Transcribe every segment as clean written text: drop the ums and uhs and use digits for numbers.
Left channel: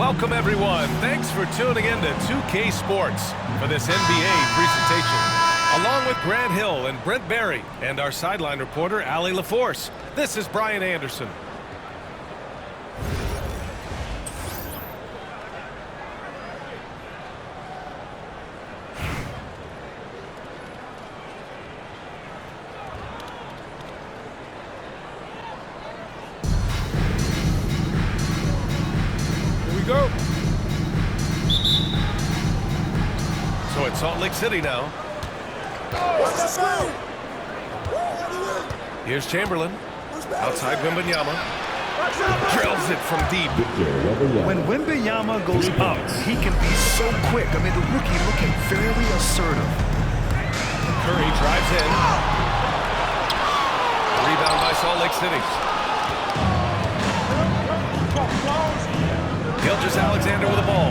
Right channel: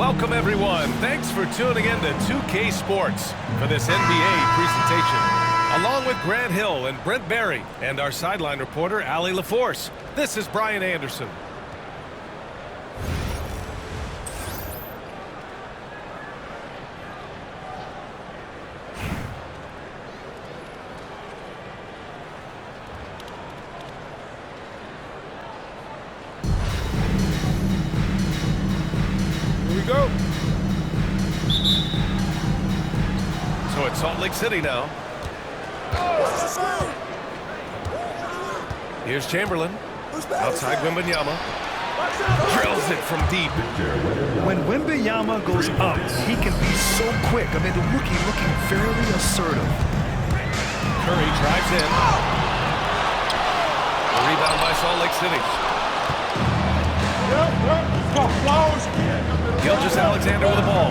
Welcome, everyone. Thanks for tuning in to 2K Sports for this NBA presentation. Along with Grant Hill and Brent Barry and our sideline reporter, Allie LaForce, this is Brian Anderson. Go. So it's Salt Lake City now. Here's Chamberlain. Outside Wembanyama. Drills it from deep. When Wembanyama goes up, he can be so quick. I mean, the rookie looking very assertive. Curry drives in. The rebound by Salt Lake City. Gilgeous-Alexander with the ball.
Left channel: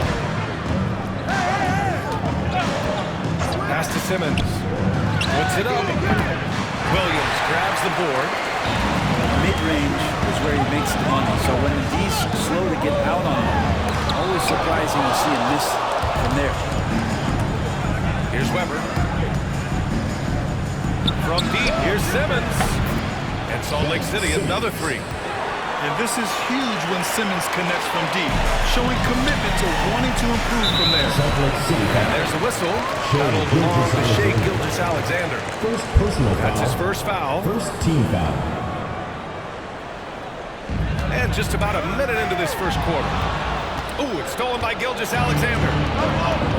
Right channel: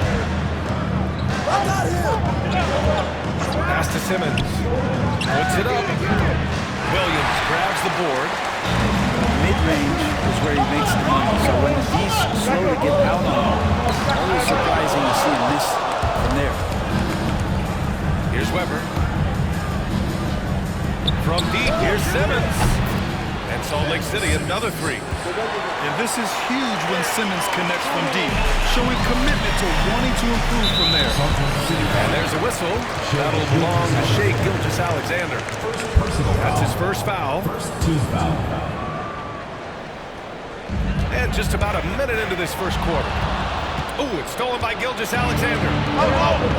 Pass to Simmons. Puts it up. Williams grabs the board. Mid-range is where he makes the money. So when the D's slow to get out on him, always surprising to see him miss from there. Here's Weber. From deep, here's Simmons. And Salt Lake City, another three. And this is huge when Simmons connects from deep, showing commitment to wanting to improve from there. And there's a whistle. That'll belong to Shai Gilgeous-Alexander. That's his first foul. First team foul. And just about a minute into this first quarter. Ooh, it's stolen by Gilgeous-Alexander.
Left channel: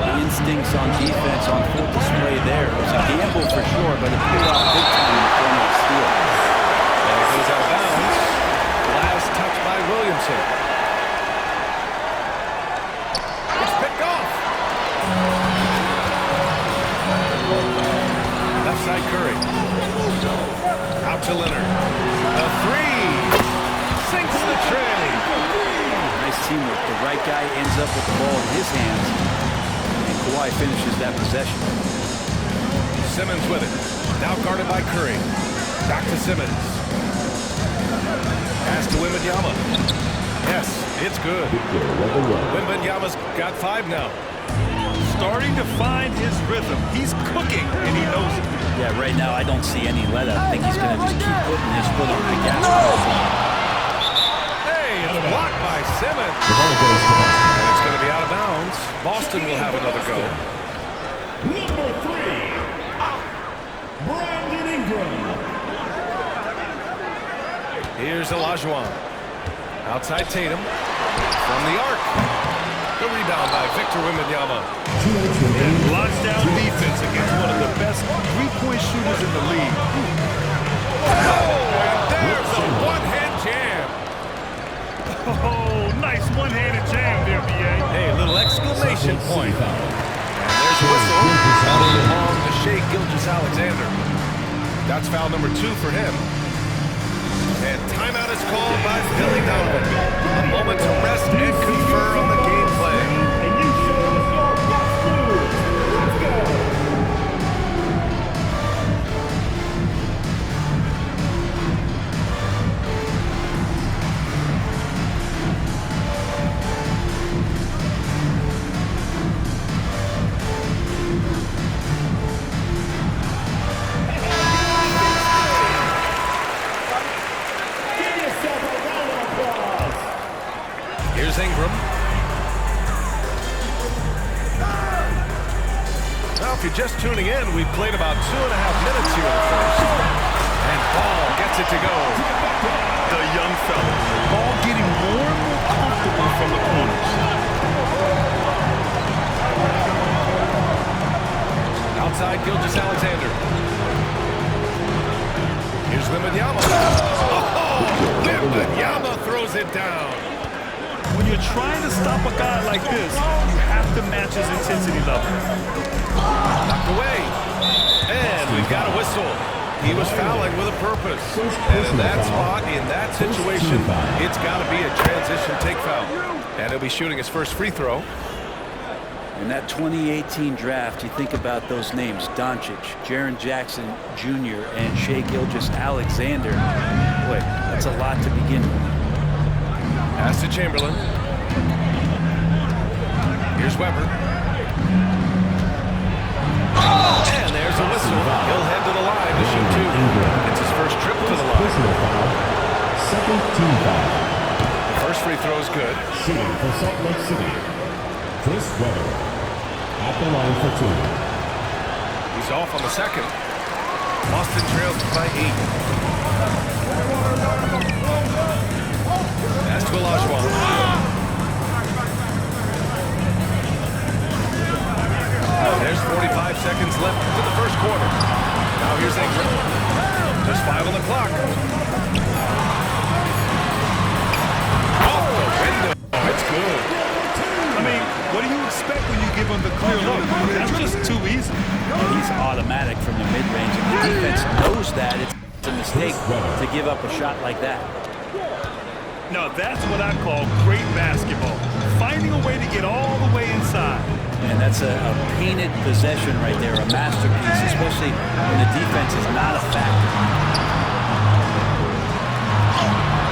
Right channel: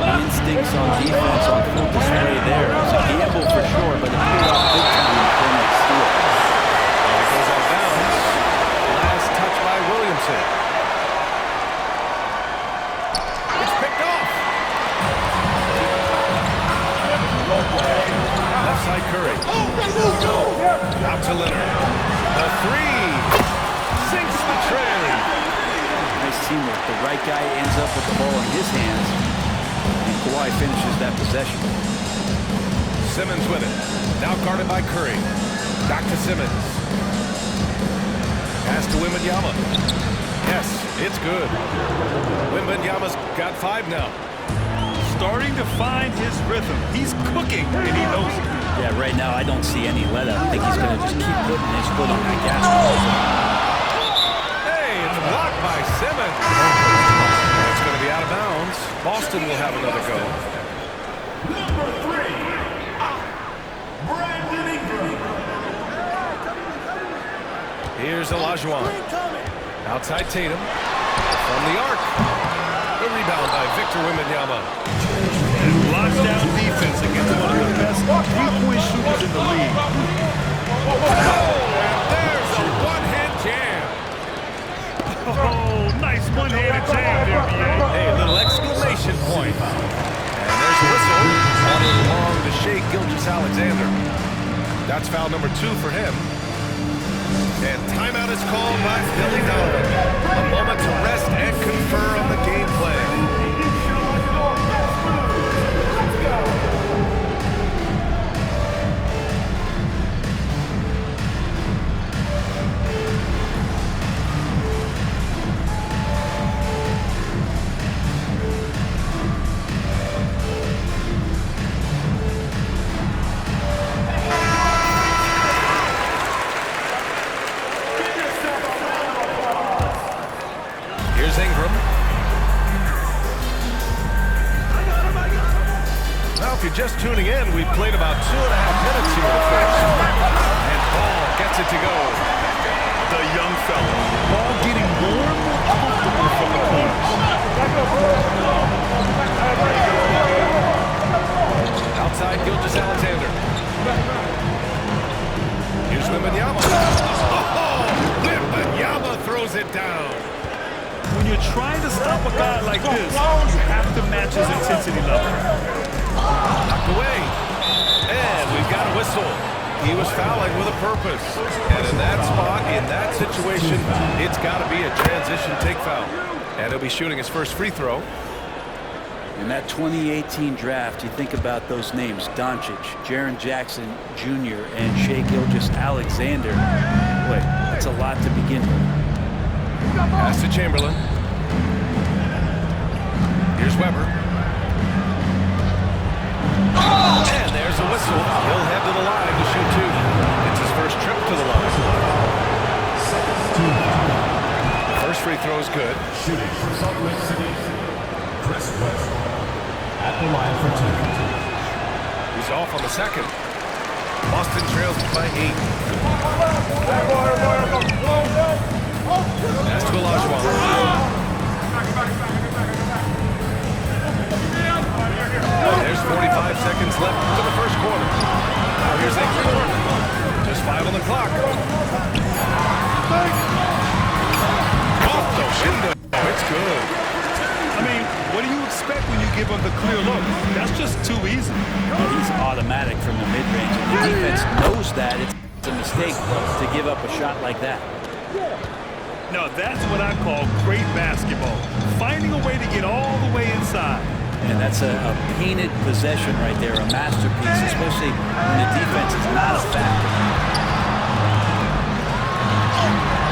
The instincts on defense on full display there. It was a gamble for sure, but it paid off big time in the form of a steal. And it goes out of bounds. Last touch by Williamson. It's picked off. Left side Curry. Out to Leonard. The three. Sinks the tray. Nice teamwork. The right guy ends up with the ball in his hands, and Kawhi finishes that possession. Simmons with it. Now guarded by Curry. Back to Simmons. Pass to Wembanyama. Yes, it's good. Wembanyama's got 5 now. Starting to find his rhythm. He's cooking, and he knows it. Yeah, right now I don't see any let up. I think he's going to just keep putting his foot on the gas pedal. Hey, it's blocked by Simmons. And it's going to be out of bounds. Boston will have another go. Number 3, Brandon Ingram. Here's Olajuwon. Outside Tatum. From the arc. The rebound by Victor Wembanyama. And lockdown defense against one of the best three-point shooters in the league. Oh, and there's a one-hand jam. Oh, nice one-handed jam there, B.A. Hey, a little exclamation point. And there's a whistle. That'll belong to Shai Gilgeous-Alexander. That's foul number 2 for him. And timeout is called by Billy Donovan. A moment to rest and confer on the game plan. Here's Ingram. Well, if you're just tuning in, we've played about 2.5 minutes here in the first. And Ball gets it to go. The young fella. Ball getting more and more comfortable from the corners. Outside Gilgeous-Alexander. Here's Wembanyama. Oh, Wembanyama throws it down. When you're trying to stop a guy like this, you have to match his intensity level. Knocked away. And we've got a whistle. He was fouling with a purpose. And in that spot, in that situation, it's got to be a transition take foul. And he'll be shooting his first free throw. In that 2018 draft, you think about those names, Doncic, Jaren Jackson Jr., and Shai Gilgeous-Alexander. Boy, that's a lot to begin with. Pass to Chamberlain. Here's Weber. And there's a whistle. He'll head to the line to shoot 2. It's his first trip to the line. Second team foul. The first free throw is good. Shooting for Salt Lake City, Chris Weber. At the line for 2. He's off on the second. Boston trails by 8. That's to Olajuwon. There's 45 seconds left to the first quarter. Now here's Ingram. Just 5 on the clock. Off the window. It's good. I mean, what do you expect when you give him the clear look? That's just too easy. Well, he's automatic from the mid-range, and the defense knows that it's a mistake to give up a shot like that. Now, that's what I call great basketball. Finding a way to get all the way inside. And that's a painted possession right there, a masterpiece, especially when the defense is not a factor.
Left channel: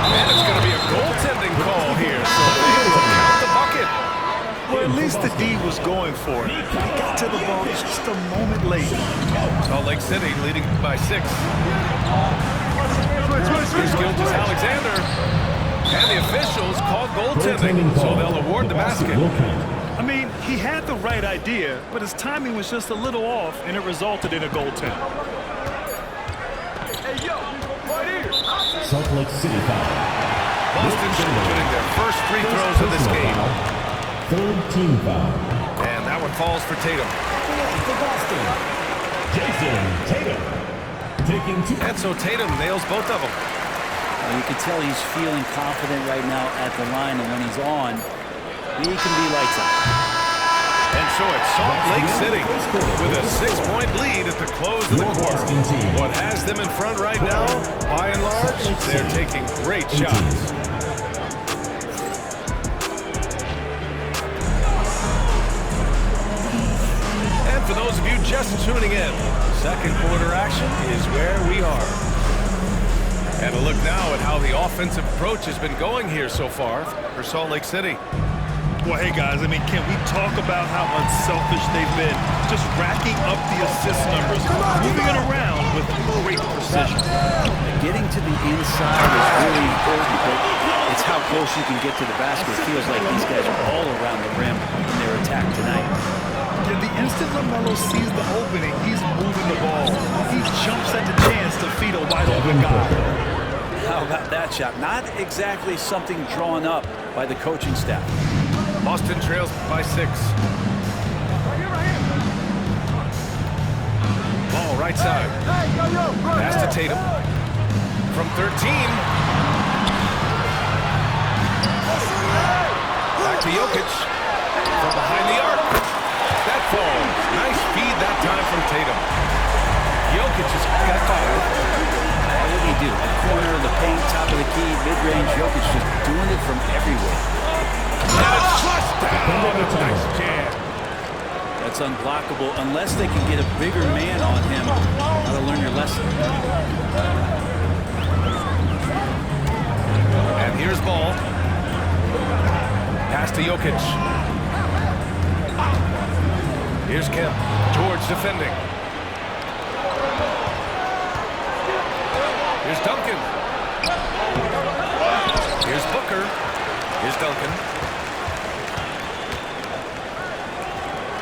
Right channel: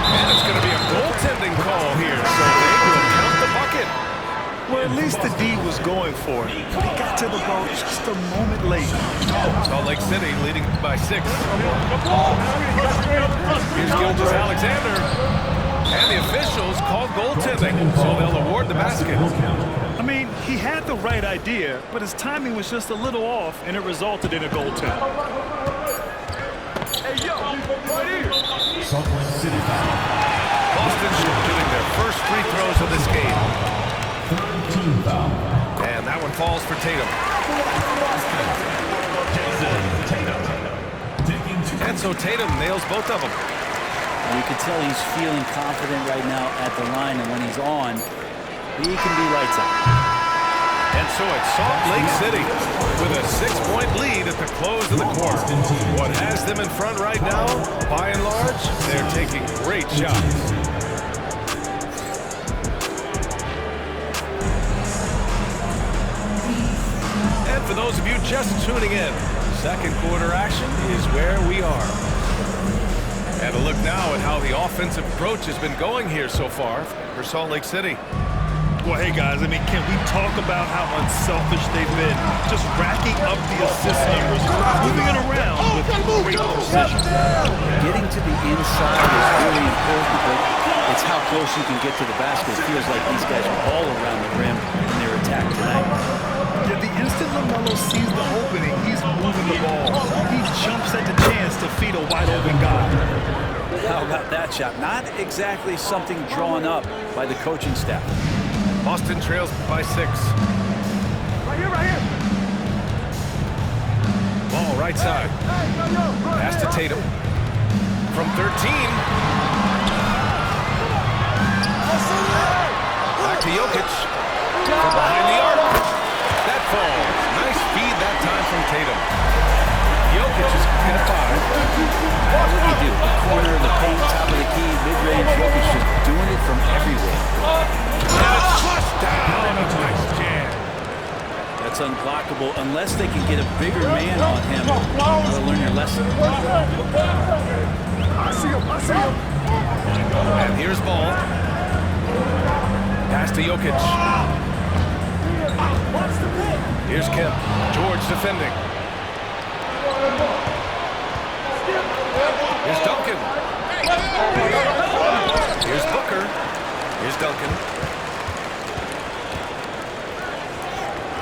And it's going to be a goaltending call here, so they will count the bucket. Well, at least the D was going for it, but he got to the ball just a moment late. Salt Lake City leading by 6. Here's Gilgeous-Alexander. And the officials called goaltending, so they'll award the basket. I mean, he had the right idea, but his timing was just a little off, and it resulted in a goaltend. Hey, yo, right here. Salt Lake City foul. Boston shooting their first free throws of this game. Third team foul. And that one falls for Tatum. For Boston, Jason Tatum. Taking 2. And so Tatum nails both of them. And you can tell he's feeling confident right now at the line, and when he's on, he can be lights out. And so it's Salt Lake City with a 6-point lead at the close of the quarter. What has them in front right now, by and large, they're taking great shots. And for those of you just tuning in, second quarter action is where we are. And a look now at how the offensive approach has been going here so far for Salt Lake City. Well, hey, guys, I mean, can we talk about how unselfish they've been? Just racking up the assist numbers, moving it around with great precision. Getting to the inside is really important, but it's how close you can get to the basket. It feels like these guys are all around the rim in their attack tonight. Yeah, the instant LaMelo sees the opening, he's moving the ball. He jumps at the chance to feed a wide-open guy. How about that shot? Not exactly something drawn up by the coaching staff. Boston trails by 6. Right here. Ball right side. Pass to Tatum. From 13. Back to Jokic. From behind the arc. That falls. Nice feed that time from Tatum. Jokic has got 5. What do you do? The corner, the paint, top of the key, mid-range. Jokic just doing it from everywhere. And it's flushed down. A nice jam. That's unblockable unless they can get a bigger man on him. Gotta learn your lesson. And here's ball. Pass to Jokic. Here's Kemp. George defending. Here's Duncan. Here's Booker. Here's Duncan.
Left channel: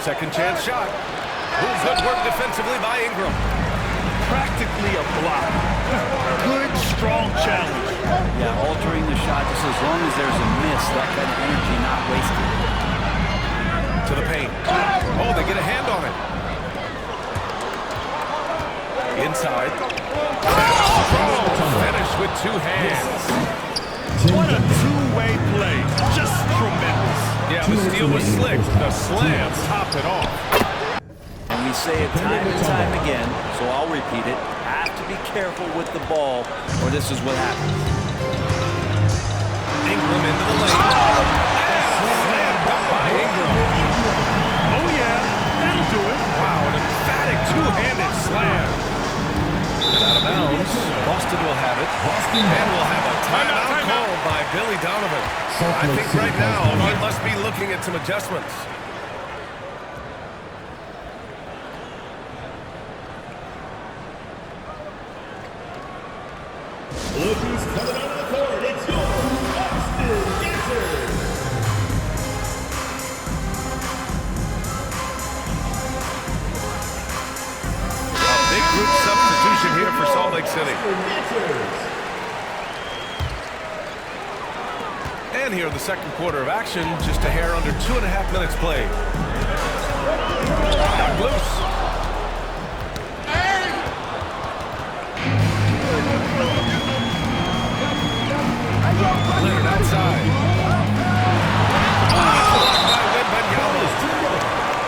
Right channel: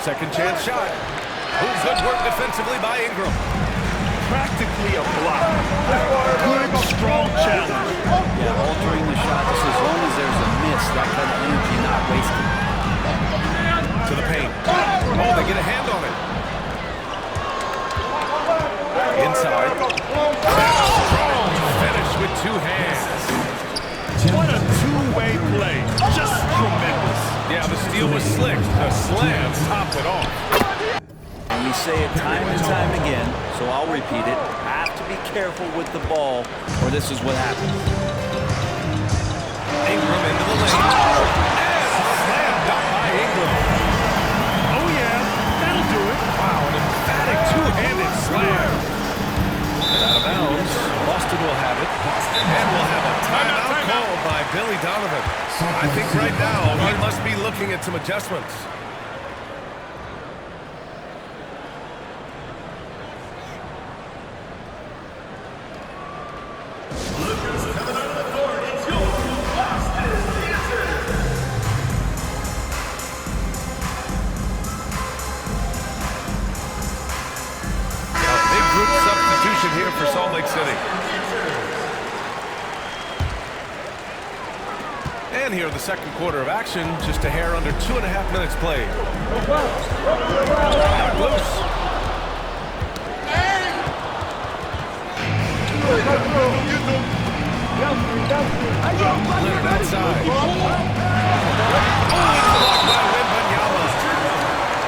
Second chance shot. Good work defensively by Ingram. Practically a block. Good, strong challenge. Yeah, altering the shot just as long as there's a miss, that kind of energy not wasted. To the paint. Oh, they get a hand on it. Inside. Strong finish with 2 hands. What a two-way play. Just tremendous. Yeah, the steal was slick. The slam topped it off. And we say it time and time again, so I'll repeat it. Have to be careful with the ball, or this is what happens. Ingram into the lane. And a slam dunk by Ingram. Oh, yeah. That'll do it. Wow, an emphatic two-handed slam. And out of bounds, Boston will have it. And will have a timeout called by Billy Donovan. I think right now he must be looking at some adjustments. Look who's coming out of the court. It's your Boston Lancers. A big group substitution here for Salt Lake City. And here in the second quarter of action, just a hair under 2.5 minutes played. Knocked loose. Leonard outside. Oh, it's blocked by Wembanyama.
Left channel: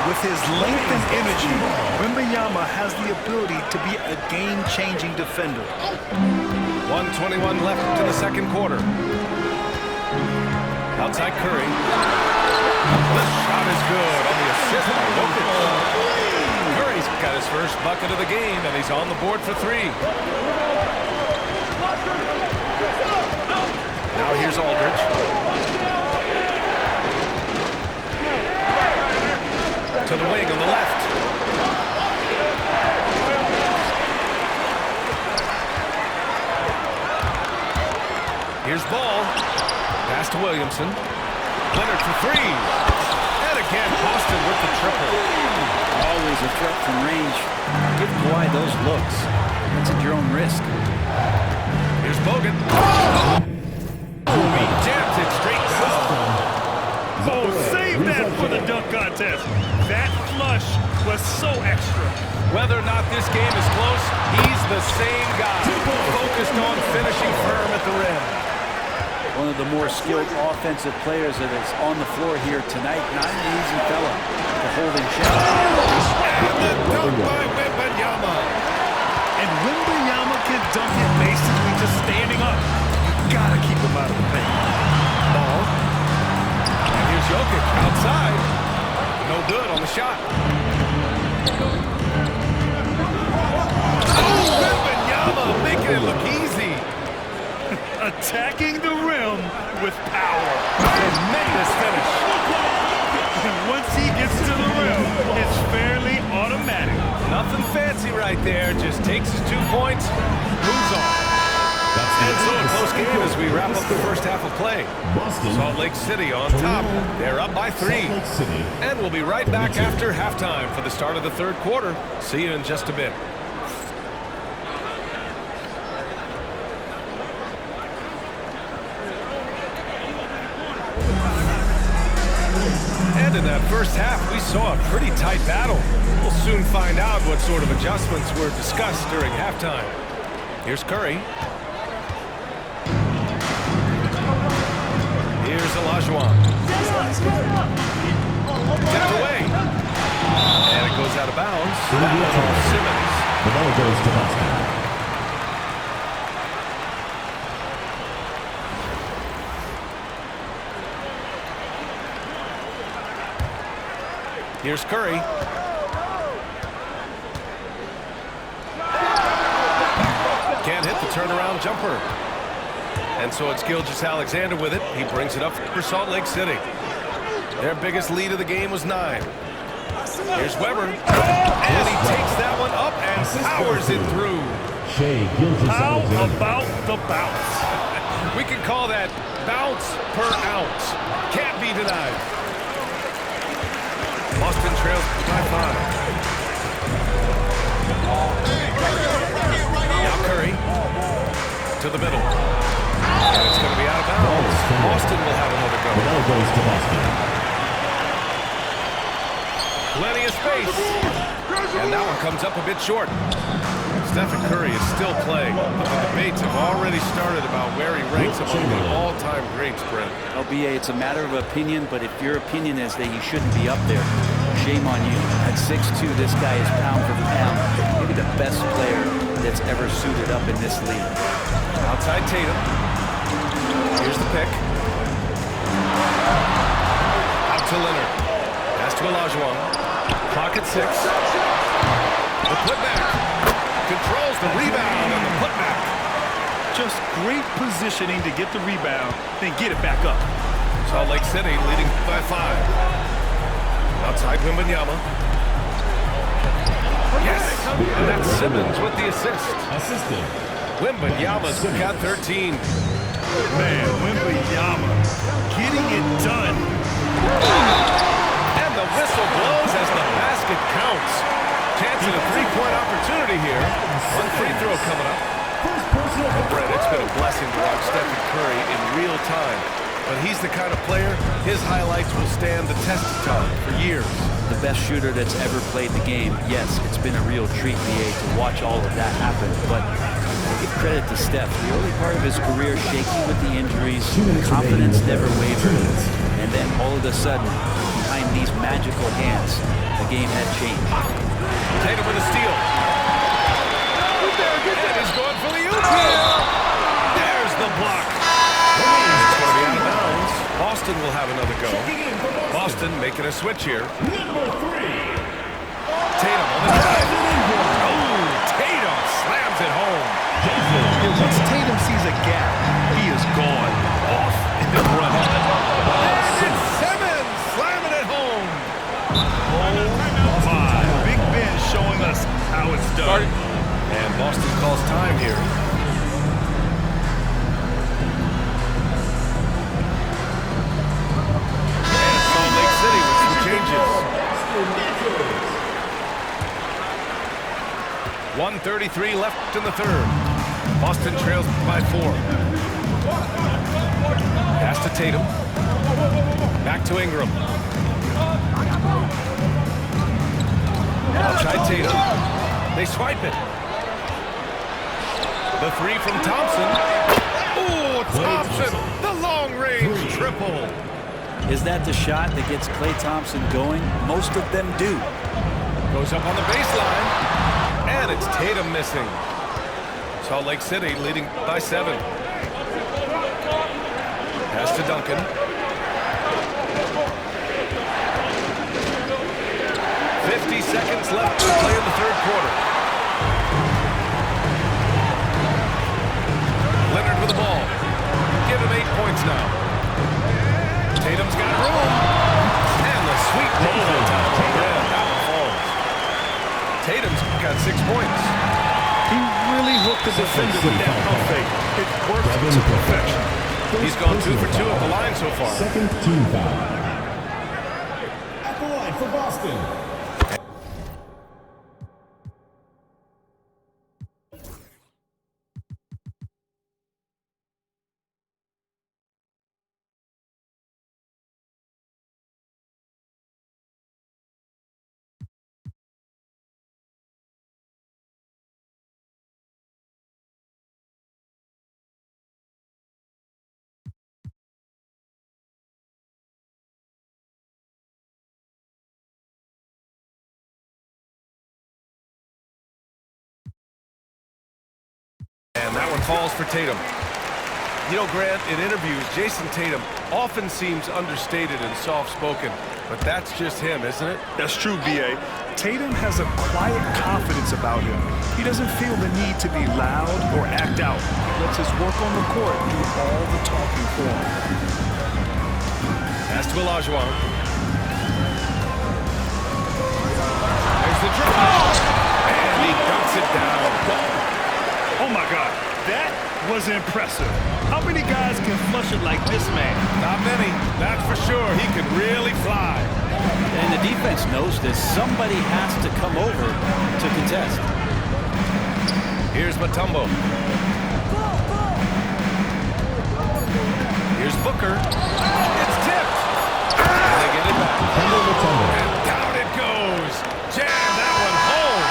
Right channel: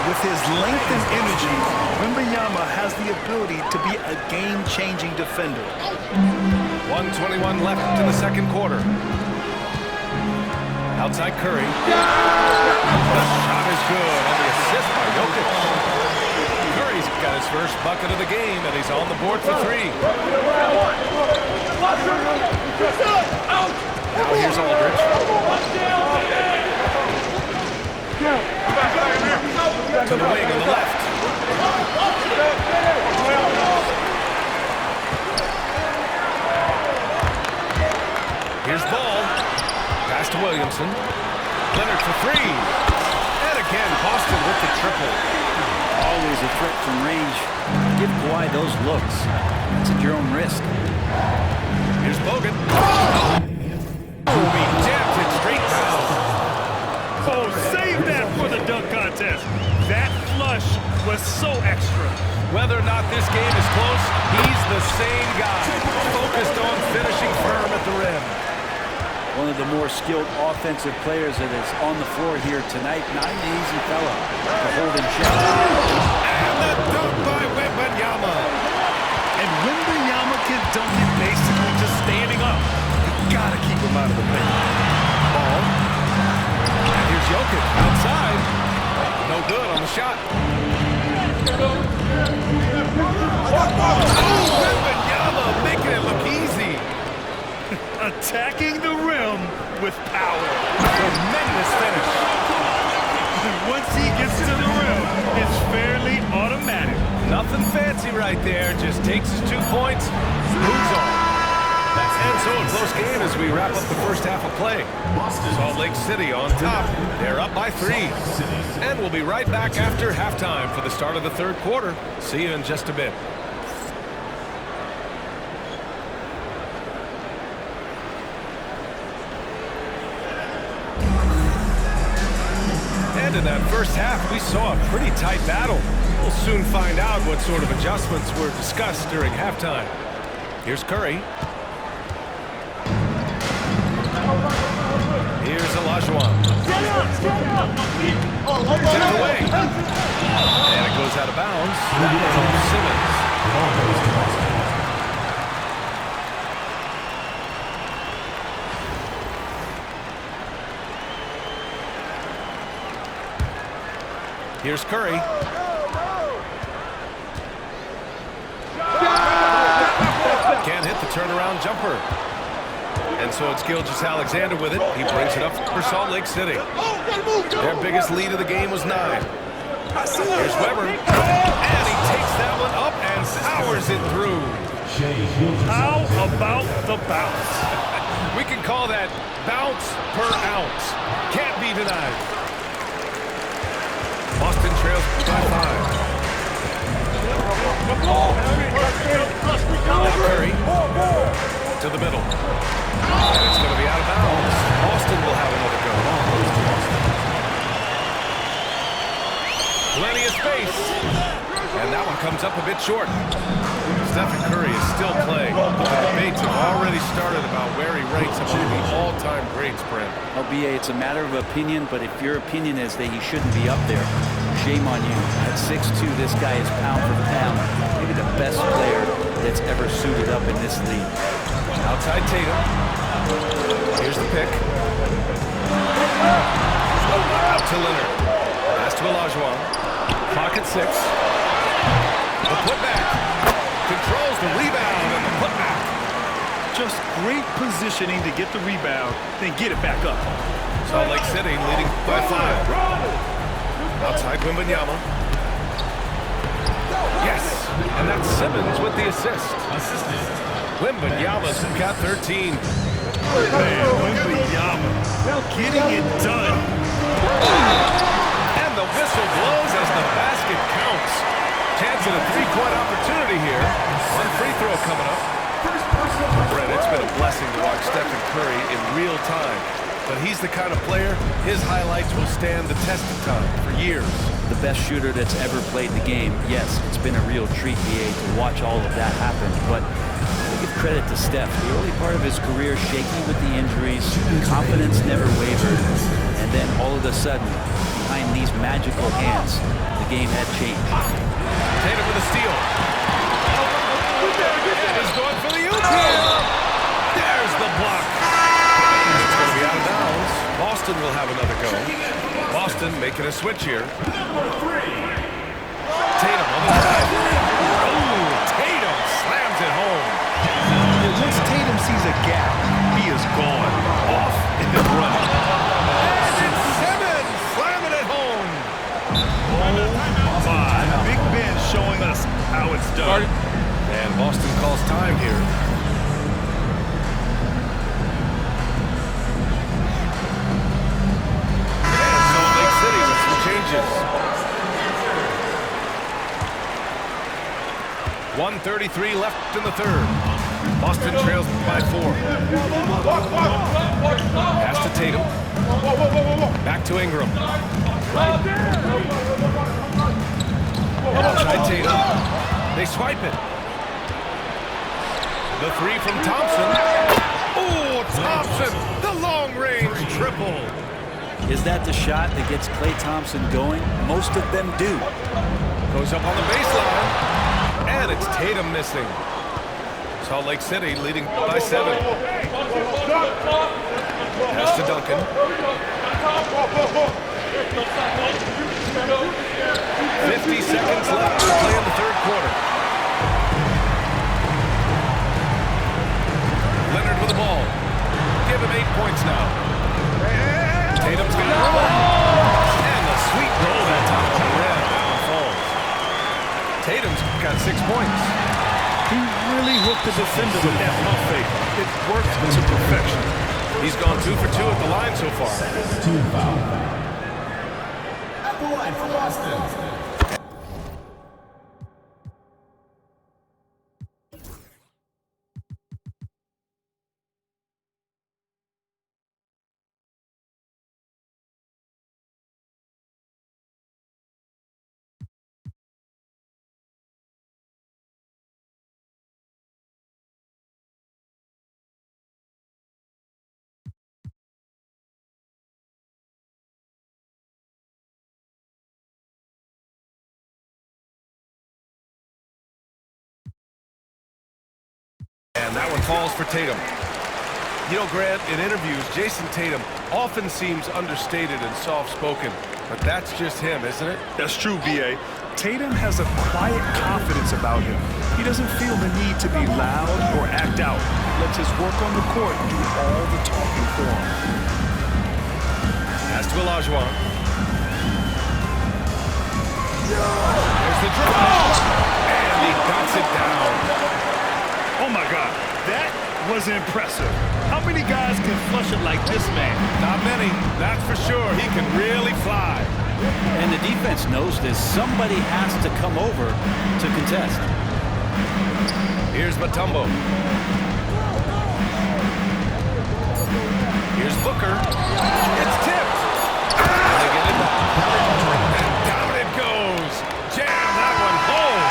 With his length and energy, Wembanyama has the ability to be a game-changing defender. 1:21 left in the second quarter. Outside Curry. The shot is good on the assist by Jokic. Curry's got his first bucket of the game, and he's on the board for 3. Now here's Aldridge. To the wing on the left. Here's Ball. Pass to Williamson. Leonard for 3. And again, Boston with the triple. Always a threat from range. Give Kawhi those looks. That's at your own risk. Here's Bogut. Oh, he jammed it straight down. Oh, save that for the dunk contest. That flush was so extra. Whether or not this game is close, he's the same guy, focused on finishing firm at the rim. One of the more skilled offensive players that is on the floor here tonight. Not an easy fella to hold in check. And the dunk by Wembanyama. And Wembanyama can dunk it basically just standing up. You gotta keep him out of the paint. Ball. And here's Jokic outside. No good on the shot. Oh, Wembanyama making it look easy. Attacking the rim with power. Tremendous finish. And once he gets to the rim, it's fairly automatic. Nothing fancy right there. Just takes his 2 points, moves on. And so a close game as we wrap up the first half of play. Salt Lake City on top. They're up by 3. And we'll be right back after halftime for the start of the third quarter. See you in just a bit. And in that first half, we saw a pretty tight battle. We'll soon find out what sort of adjustments were discussed during halftime. Here's Curry. Here's Olajuwon. Tipped away. And it goes out of bounds. That one off Simmons. The ball goes to Boston. Here's Curry. Can't hit the turnaround jumper. And so it's Gilgeous-Alexander with it. He brings it up for Salt Lake City. Their biggest lead of the game was 9. Here's Weber. And he takes that one up and powers it through. How about the bounce? We can call that bounce per ounce. Can't be denied. Boston trails by 5. Now Curry to the middle. And it's going to be out of bounds. Boston will have another go. The ball goes to Boston. Plenty of space. And that one comes up a bit short. Stephen Curry is still playing. The debates have already started about where he ranks among the all-time greats, Brent. LBA, it's a matter of opinion, but if your opinion is that he shouldn't be up there, shame on you. At 6'2", this guy is pound for pound, maybe the best player that's ever suited up in this league. Outside Tatum. Here's the pick. Out to Leonard. Pass to Olajuwon. Clock at 6. The putback. Controls the rebound and the putback. Just great positioning to get the rebound, then get it back up. Salt Lake City leading by 5. Outside Wembanyama. Yes, and that's Simmons with the assist. Assisted. Wembanyama's got 13. Man, Wembanyama getting it done. And the whistle blows as the basket counts. Chance at a three-point opportunity here. One free throw coming up. Well, Brett, it's been a blessing to watch Stephen Curry in real time. But he's the kind of player, his highlights will stand the test of time for years. The best shooter that's ever played the game. Yes, it's been a real treat, VA, to watch all of that happen. But I give credit to Steph. The early part of his career, shaky with the injuries, confidence never wavered. And then all of a sudden, behind these magical hands, the game had changed. Tatum with a steal. And he's going for the oop here. There's the block. And it's going to be out of bounds. Boston will have another go. Boston making a switch here. Tatum on the drive. Oh, Tatum slams it home. And once Tatum sees a gap, he is gone. Off and running. And it's Simmons slamming it home. Oh, my. Big Ben showing us how it's done. And Boston calls time here. And Salt Lake City with some changes. 1:33 left in the third. Boston trails by 4. Pass to Tatum. Back to Ingram. Outside Tatum. They swipe it. The three from Thompson. Oh, Thompson, the long-range triple. Is that the shot that gets Klay Thompson going? Most of them do. Goes up on the baseline. And it's Tatum missing. Salt Lake City leading by 7. Pass to Duncan. 50 seconds left to play in the third quarter. Leonard with the ball. Give him 8 points now. Tatum's got room. And the sweet roll that time on the rim. That one falls. Tatum's got 6 points. He really hooked the defender with that pump fake. It worked to perfection. He's gone 2 for 2 at the line so far. Second team foul. At the line for Boston. And that one falls for Tatum. You know, Grant, in interviews, Jason Tatum often seems understated and soft-spoken, but that's just him, isn't it? That's true, VA. Tatum has a quiet confidence about him. He doesn't feel the need to be loud or act out. He lets his work on the court do all the talking for him. Pass to Olajuwon. There's the drive. And he dunks it down. Oh, my God. That was impressive. How many guys can flush it like this man? Not many, that's for sure. He can really fly. And the defense knows this. Somebody has to come over to contest. Here's Mutombo. Here's Booker. It's tipped. And they get it back. And down it goes. Jam that one home.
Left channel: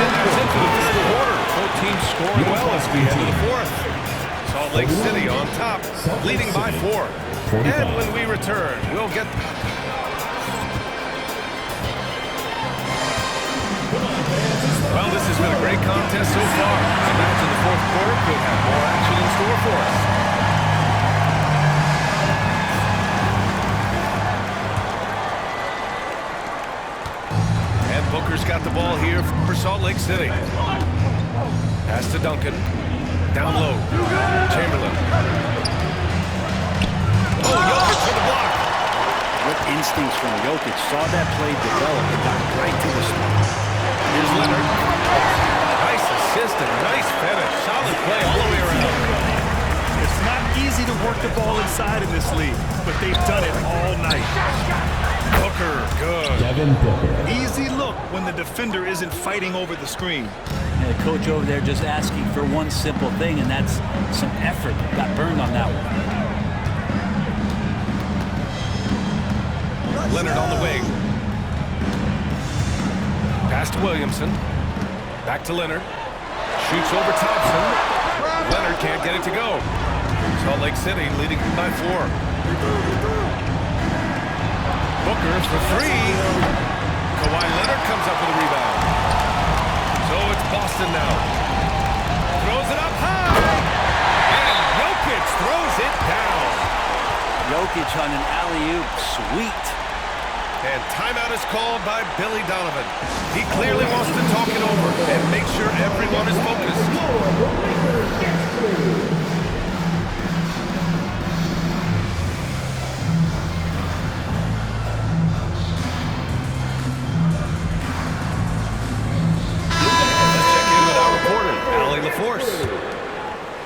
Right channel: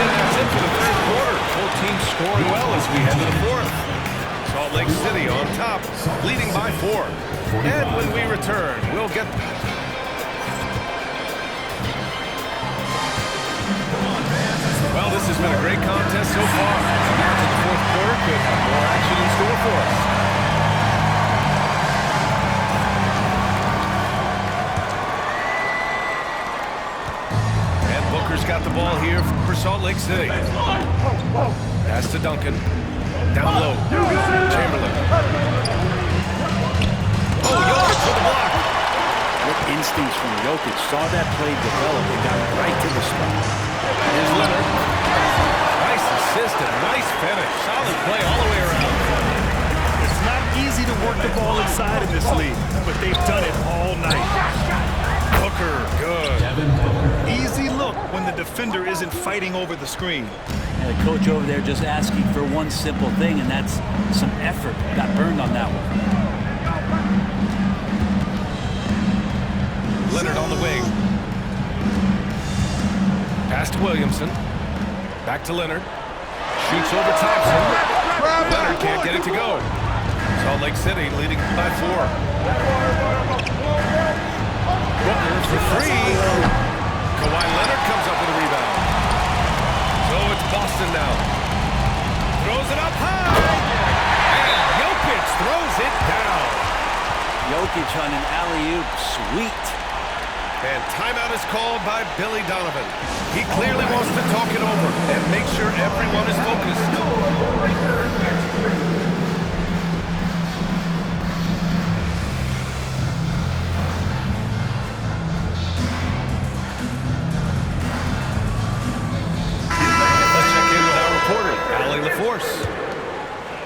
And that's it for the third quarter. Both teams scoring well as we head to the fourth. Salt Lake City on top, leading by 4. And when we return, we'll get... Well, this has been a great contest so far. I imagine the fourth quarter could have more action in store for us. And Booker's got the ball here for Salt Lake City. Pass to Duncan. Down low. Chamberlain. Oh, Jokic for the block. What instincts from Jokic. Saw that play develop and got right to the spot. Here's Leonard. Nice assist and nice finish. Solid play all the way around. It's not easy to work the ball inside in this league, but they've done it all night. Booker, good. Devin Booker. Easy look when the defender isn't fighting over the screen. And the coach over there just asking for one simple thing, and that's some effort. Got burned on that one. Leonard on the wing. Pass to Williamson. Back to Leonard. Shoots over Thompson. Leonard can't get it to go. Salt Lake City leading by 4. Booker for 3. Kawhi Leonard comes up with a rebound. So it's Boston now. Throws it up high. And Jokic throws it down. Jokic on an alley-oop. Sweet. And timeout is called by Billy Donovan. He clearly wants to talk it over and make sure everyone is focused. Let's check in with our reporter, Allie LaForce.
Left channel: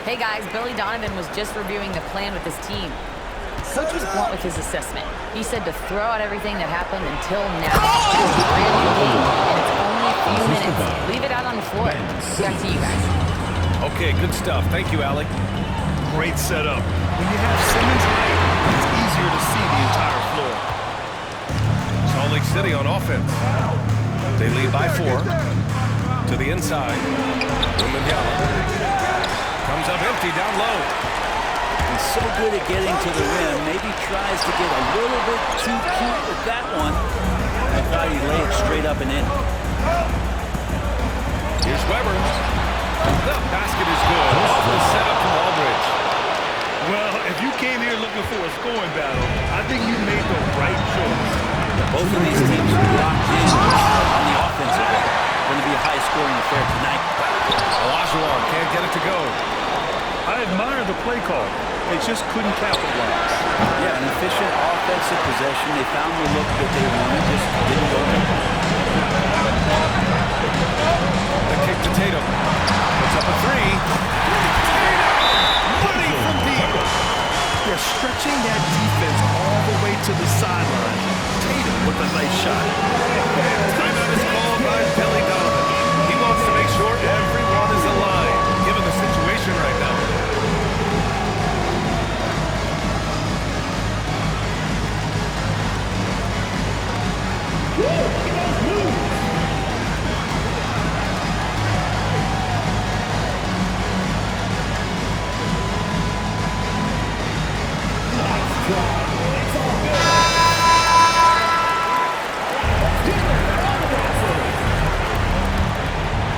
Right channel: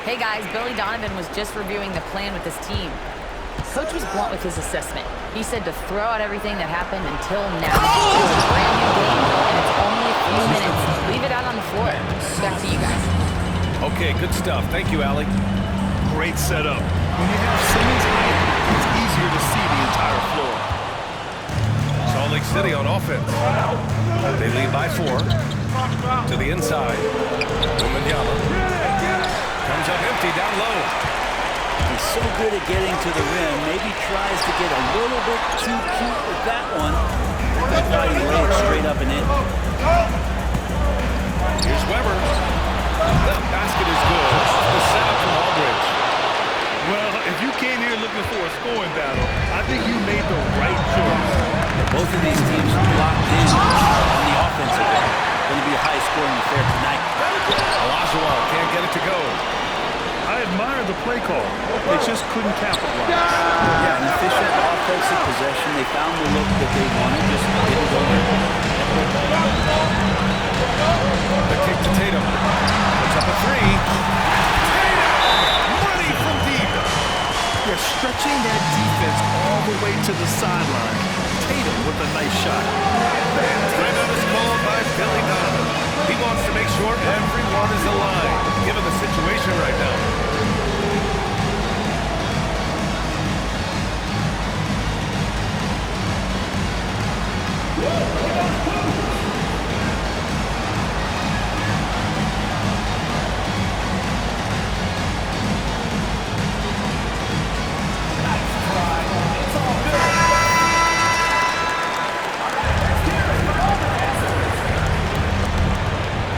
Hey guys, Billy Donovan was just reviewing the plan with his team. Coach was blunt with his assessment. He said to throw out everything that happened until now. It's a brand new game, and it's only a few minutes. Leave it out on the floor. Back to you guys. Okay, good stuff. Thank you, Allie. Great setup. When you have Simmons' height, it's easier to see the entire floor. Salt Lake City on offense. They lead by 4. To the inside. Wembanyama comes up empty down low. He's so good at getting to the rim. Maybe tries to get a little bit too cute with that one. I thought he'd lay it straight up and in. Here's Weber. The basket is good. Off the setup from Aldridge. Well, if you came here looking for a scoring battle, I think you made the right choice. Both of these teams locked in on the offensive end. Going to be a high-scoring affair tonight. Olajuwon can't get it to go. I admire the play call. They just couldn't capitalize. Yeah, an efficient offensive possession. They found the look that they wanted, just didn't go in. The kick to Tatum. Puts up a 3. Tatum! Money from deep. They're stretching that defense all the way to the sideline. Tatum with a nice shot. And timeout is called by Billy Donovan. He wants to make sure everyone is aligned, given the situation right now.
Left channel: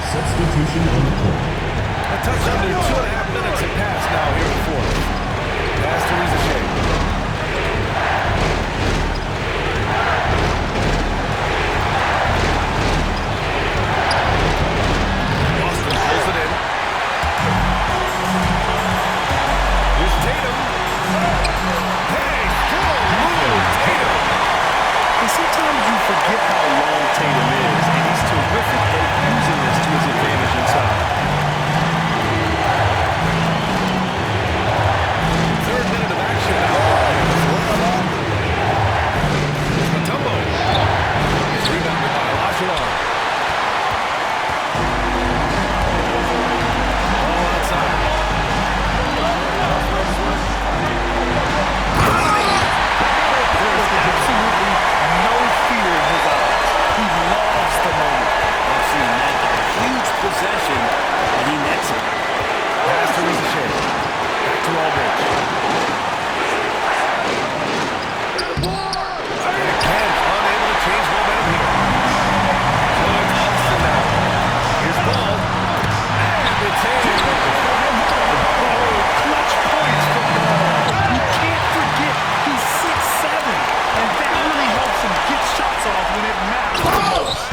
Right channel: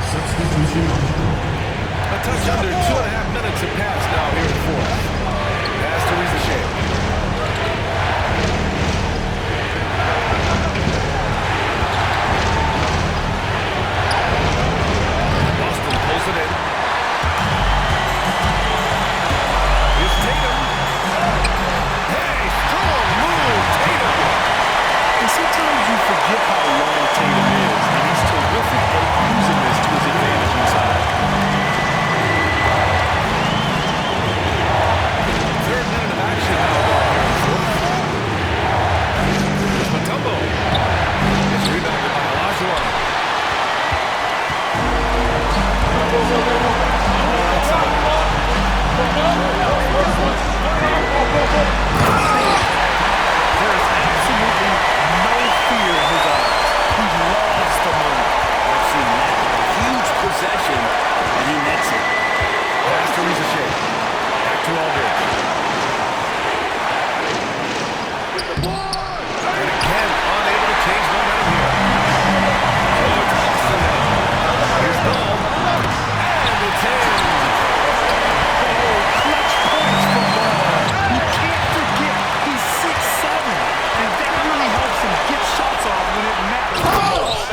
Substitution on the court. A touch under 2.5 minutes have passed now here in the 4th. Pass to Reza Shea. Boston pulls it in. Here's Tatum. Hey, strong move, Tatum. And sometimes you forget how long Tatum is, and he's terrific at using this to his advantage inside. 3rd minute of action now going here in the 4th. Here's Mutombo. It's rebounded by Olajuwon. All outside. There is absolutely no fear in his eyes. He loves the moment. I've seen that. A huge possession, and he nets it. Pass to Reza Shea. Back to Aldridge. And again, unable to change momentum here. So it's Boston now. Here's Ball. And it's in. Oh, clutch points for Ball. You can't forget he's 6'7", and that really helps him get shots off when it matters the most.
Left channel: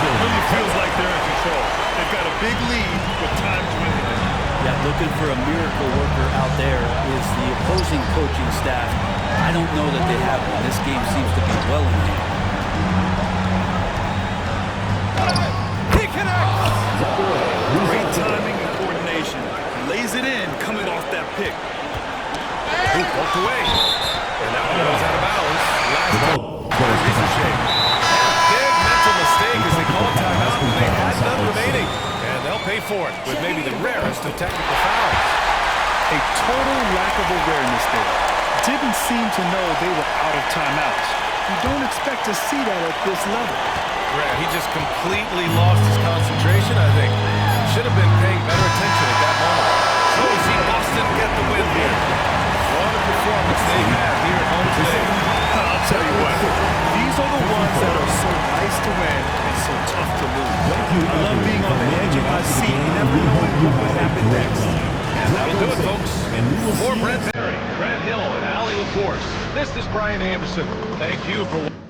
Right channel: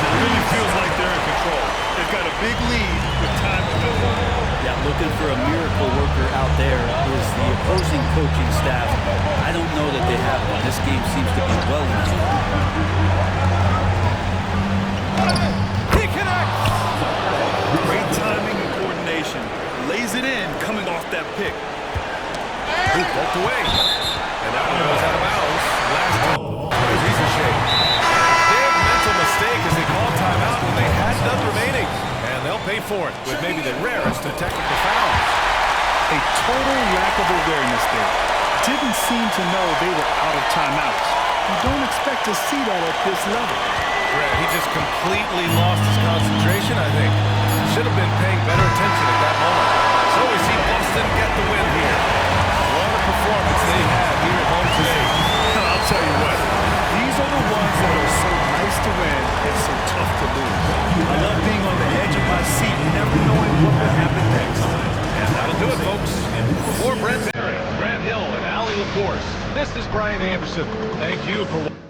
It really feels like they're in control. They've got a big lead with time dwindling. Yeah, looking for a miracle worker out there is the opposing coaching staff. I don't know that they have one. This game seems to be well in hand. He connects. timing and coordination. Lays it in coming off that pick. He poked away. And that one goes out of bounds. Last by Ricochet. And a big mental mistake as they called timeout when they had none remaining. And they'll pay for it with maybe the rarest of technical fouls. A total lack of awareness there. Didn't seem to know they were out of timeouts. You don't expect to see that at this level. Grant, he just completely lost his concentration, I think. Should have been paying better attention at that moment. So we see Boston get the win here. What a performance they have here at home today. I'll tell you what, these are the ones that are so nice to win and so tough to lose. I love being on the edge of my seat, never knowing what would happen next. And that'll do it, folks. For Brent Barry, Grant Hill, and Allie LaForce, this is Brian Anderson. Thank you for watching.